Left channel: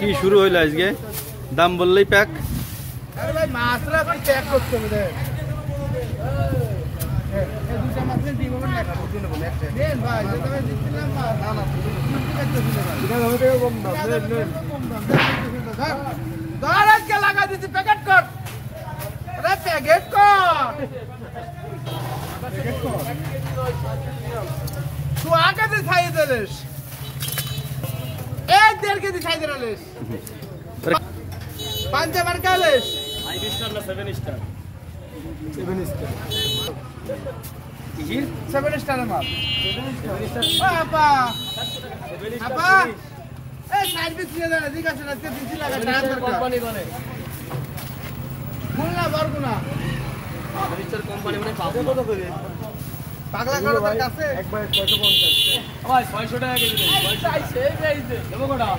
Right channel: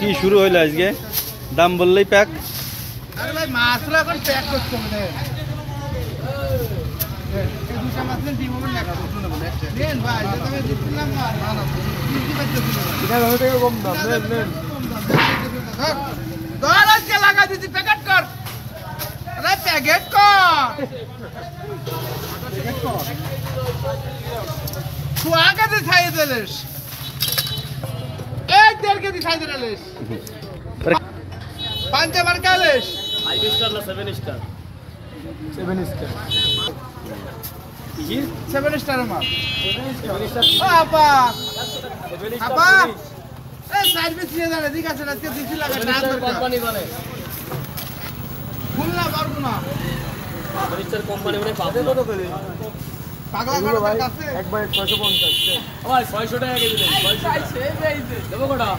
কি শুরু হইলো আজকে? দাম বললেই প্যাক। আরে ভাই মাছরা এখন প্যাক করতে হবে। দুটা মাছ দিব না খাবো কিনে বলে একটা নেন ভাই যে তুমি দিছিলাম না না না কি করতেছ না এটা হবে কম দাম নেন ধর আজকে লাগা দিছি প্যাকেট কর আরে প্যাকেট কর তুই আগে দিয়ে খাই দিলিস এক দেড় কেজি খাই দিলিস পাঁচবার কালিস 5 স্টার না 7 স্টার 7 স্টার কি 7 স্টার মাল 7 স্টার আপা আপা এই সার্ভিস নিয়ে জানা ঠিক আছে না তে দিছি লাগা দাম কোম্পানি করে ফুল না পারবো না 7 স্টার কোম্পানি মানে পাবো কত করে পাগলা করে কাছে একবার 650 ভাই 600 টাকা কেজি দেন 600 দেবো কটা